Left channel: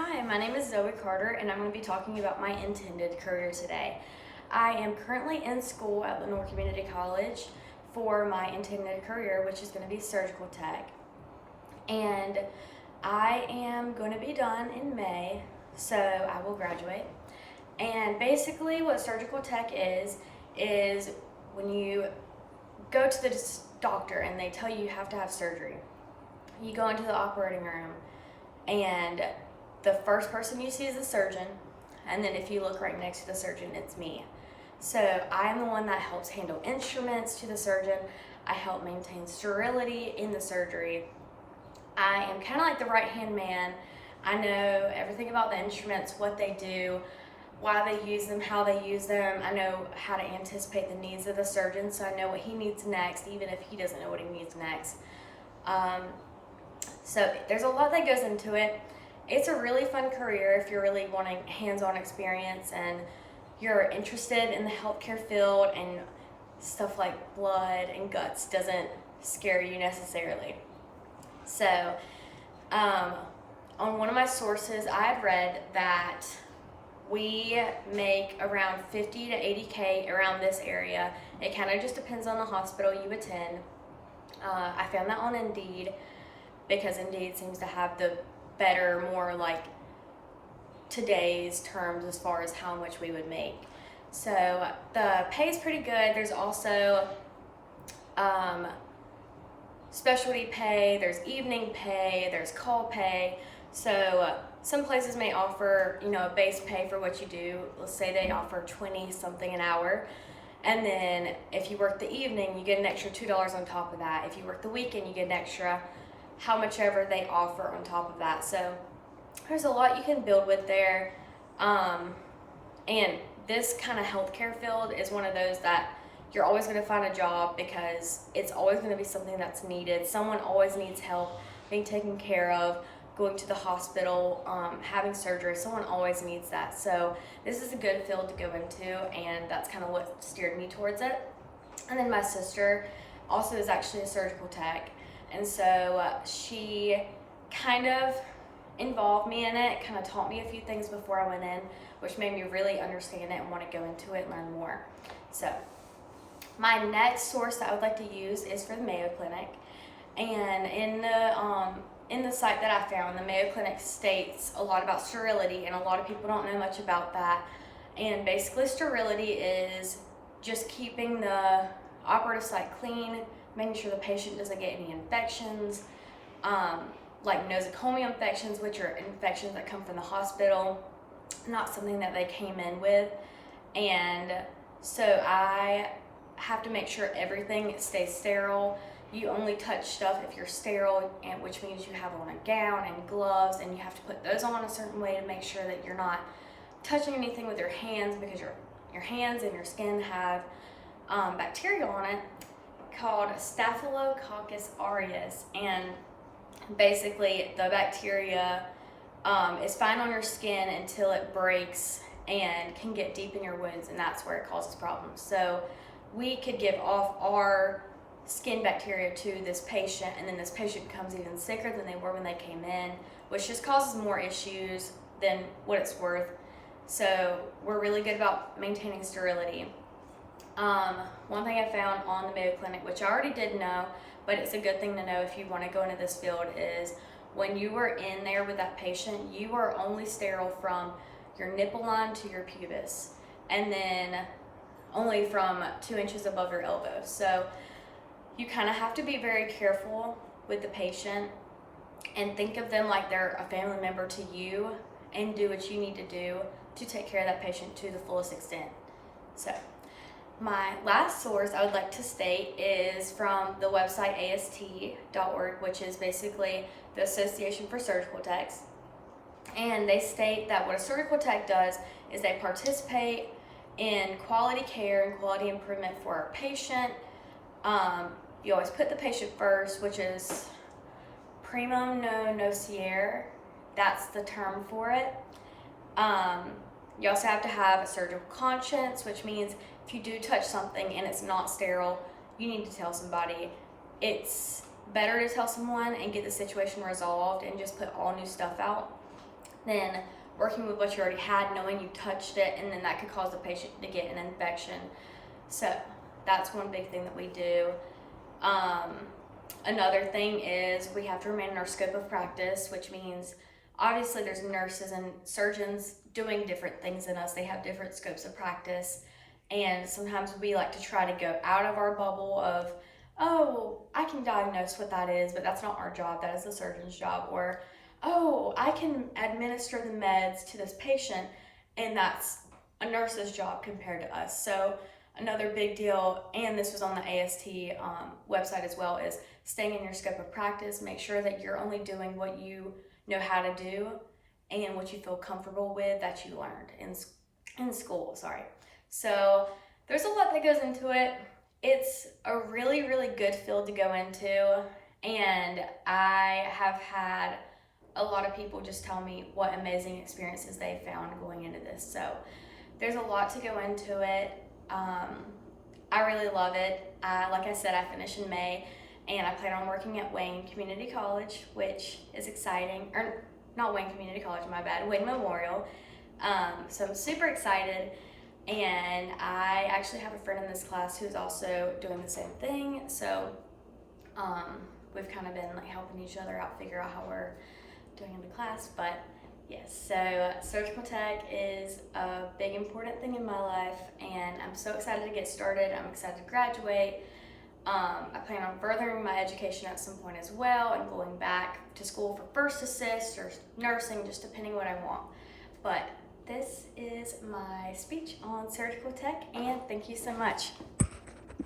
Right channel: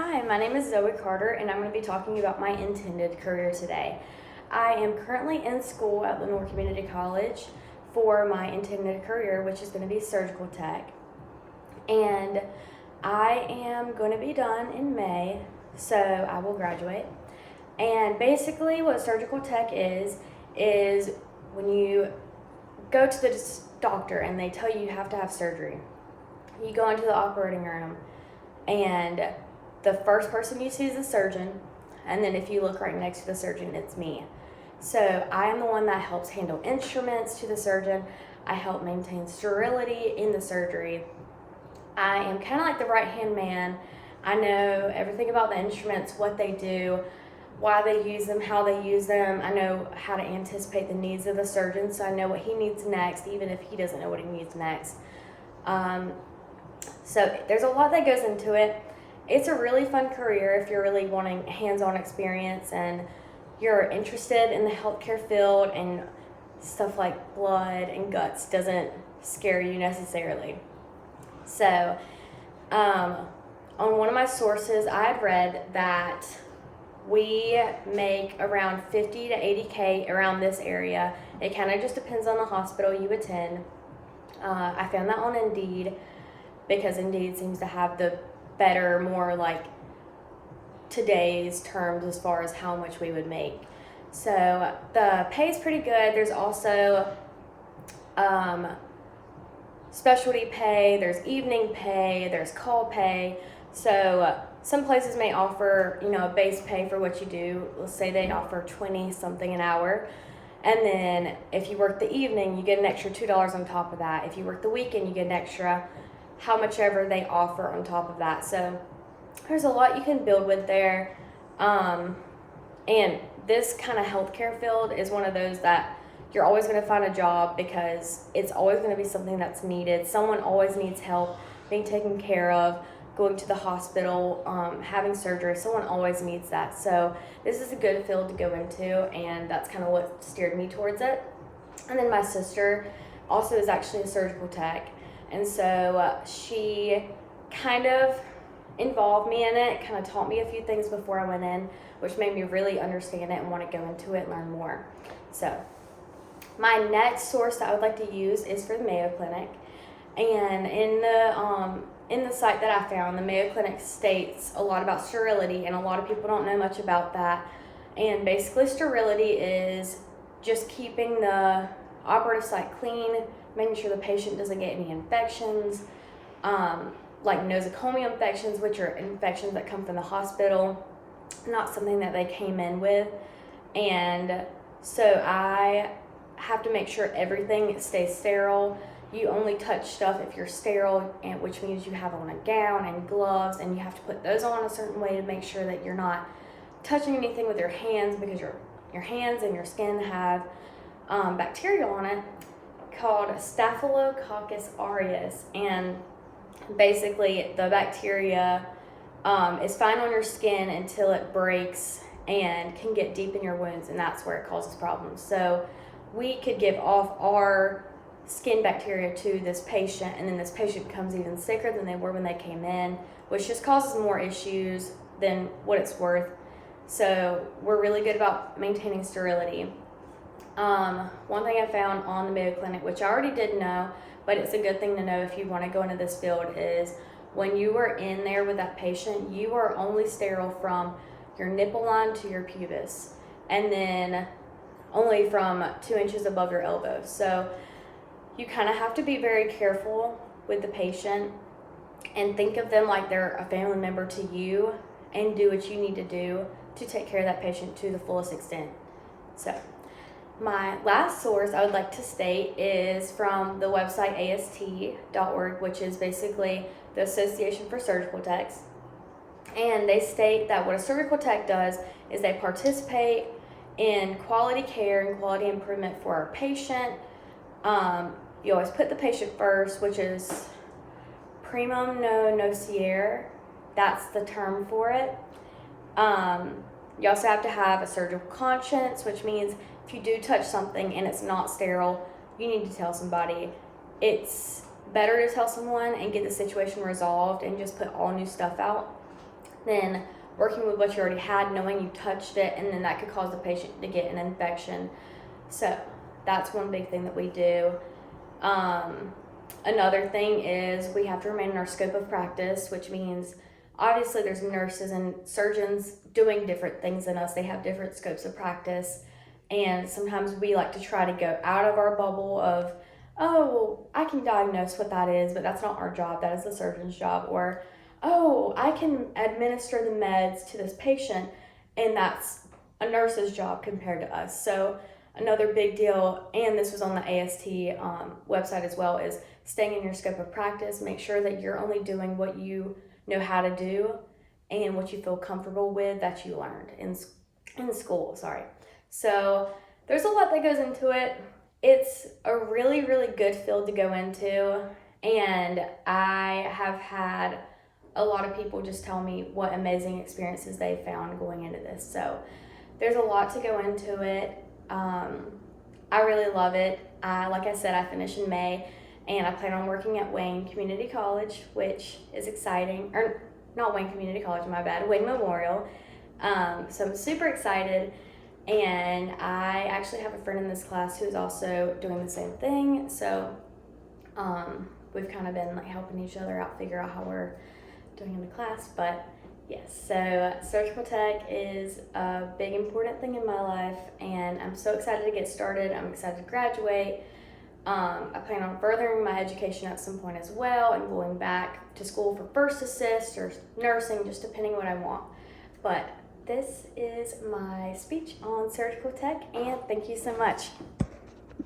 Hi, my name is Zoe Carter, and I'm going to be talking about my intended career today. I am currently in school at Lenore Community College for my intended career, which is going to be surgical tech. And I am going to be done in May, so I will graduate. And basically, what surgical tech is when you go to the doctor and they tell you you have to have surgery. You go into the operating room, and the first person you see is the surgeon, and then if you look right next to the surgeon, it's me. So I am the one that helps handle instruments to the surgeon. I help maintain sterility in the surgery. I am kind of like the right-hand man. I know everything about the instruments, what they do, why they use them, how they use them. I know how to anticipate the needs of the surgeon, so I know what he needs next, even if he doesn't know what he needs next. So there's a lot that goes into it. It's a really fun career if you're really wanting hands-on experience and you're interested in the healthcare field, and stuff like blood and guts doesn't scare you necessarily. So on one of my sources, I had read that we make around 50 to 80K around this area. It kind of just depends on the hospital you attend. I found that on Indeed, because Indeed seems to have the better, more like today's terms as far as how much we would make. So the pay is pretty good. There's also specialty pay, there's evening pay, there's call pay. So some places may offer, a base pay for what you do. Let's say they offer 20 something an hour. And then if you work the evening, you get an extra $2 on top of that. If you work the weekend, you get an extra how much ever they offer on top of that. So there's a lot you can build with there. And this kind of healthcare field is one of those that you're always going to find a job, because it's always going to be something that's needed. Someone always needs help being taken care of, going to the hospital, having surgery. Someone always needs that. So this is a good field to go into, and that's kind of what steered me towards it. And then my sister also is actually a surgical tech, and so she kind of involved me in it, kind of taught me a few things before I went in, which made me really understand it and want to go into it and learn more. So my next source that I would like to use is for the Mayo Clinic. And in the site that I found, the Mayo Clinic states a lot about sterility, and a lot of people don't know much about that. And basically, sterility is just keeping the operative site clean, making sure the patient doesn't get any infections, like nosocomial infections, which are infections that come from the hospital, not something that they came in with. And so I have to make sure everything stays sterile. You only touch stuff if you're sterile, and which means you have on a gown and gloves, and you have to put those on a certain way to make sure that you're not touching anything with your hands, because your hands and your skin have bacteria on it called Staphylococcus aureus, and basically the bacteria is fine on your skin until it breaks and can get deep in your wounds, and that's where it causes problems. So we could give off our skin bacteria to this patient, and then this patient becomes even sicker than they were when they came in, which just causes more issues than what it's worth. So we're really good about maintaining sterility. One thing I found on the Mayo Clinic, which I already did know, but it's a good thing to know if you want to go into this field, is when you are in there with that patient, you are only sterile from your nipple line to your pubis, and then only from 2 inches above your elbow. So you kind of have to be very careful with the patient and think of them like they're a family member to you, and do what you need to do to take care of that patient to the fullest extent. So my last source I would like to state is from the website AST.org, which is basically the Association for Surgical Techs. And they state that what a surgical tech does is they participate in quality care and quality improvement for our patient. You always put the patient first, which is primum non nocere. That's the term for it. You also have to have a surgical conscience, which means if you do touch something and it's not sterile, you need to tell somebody. It's better to tell someone and get the situation resolved and just put all new stuff out than working with what you already had, knowing you touched it, and then that could cause the patient to get an infection. So that's one big thing that we do. Another thing is we have to remain in our scope of practice, which means obviously there's nurses and surgeons doing different things than us. They have different scopes of practice, and sometimes we like to try to go out of our bubble of, oh, well, I can diagnose what that is, but that's not our job, that is the surgeon's job. Or, oh, I can administer the meds to this patient, and that's a nurse's job compared to us. So another big deal, and this was on the AST website as well, is staying in your scope of practice. Make sure that you're only doing what you know how to do and what you feel comfortable with that you learned in school. So there's a lot that goes into it. It's a really, really good field to go into, and I have had a lot of people just tell me what amazing experiences they found going into this. So there's a lot to go into it. I really love it. Like I said, I finish in May, and I plan on working at Wayne Community College, which is exciting. Or not Wayne Community College, my bad, Wayne Memorial. So I'm super excited. And I actually have a friend in this class who's also doing the same thing. So we've kind of been like helping each other out, figure out how we're doing in the class. But yes, so surgical tech is a big important thing in my life, and I'm so excited to get started. I'm excited to graduate. I plan on furthering my education at some point as well and going back to school for first assist or nursing, just depending what I want. But this is my speech on surgical tech, and thank you so much.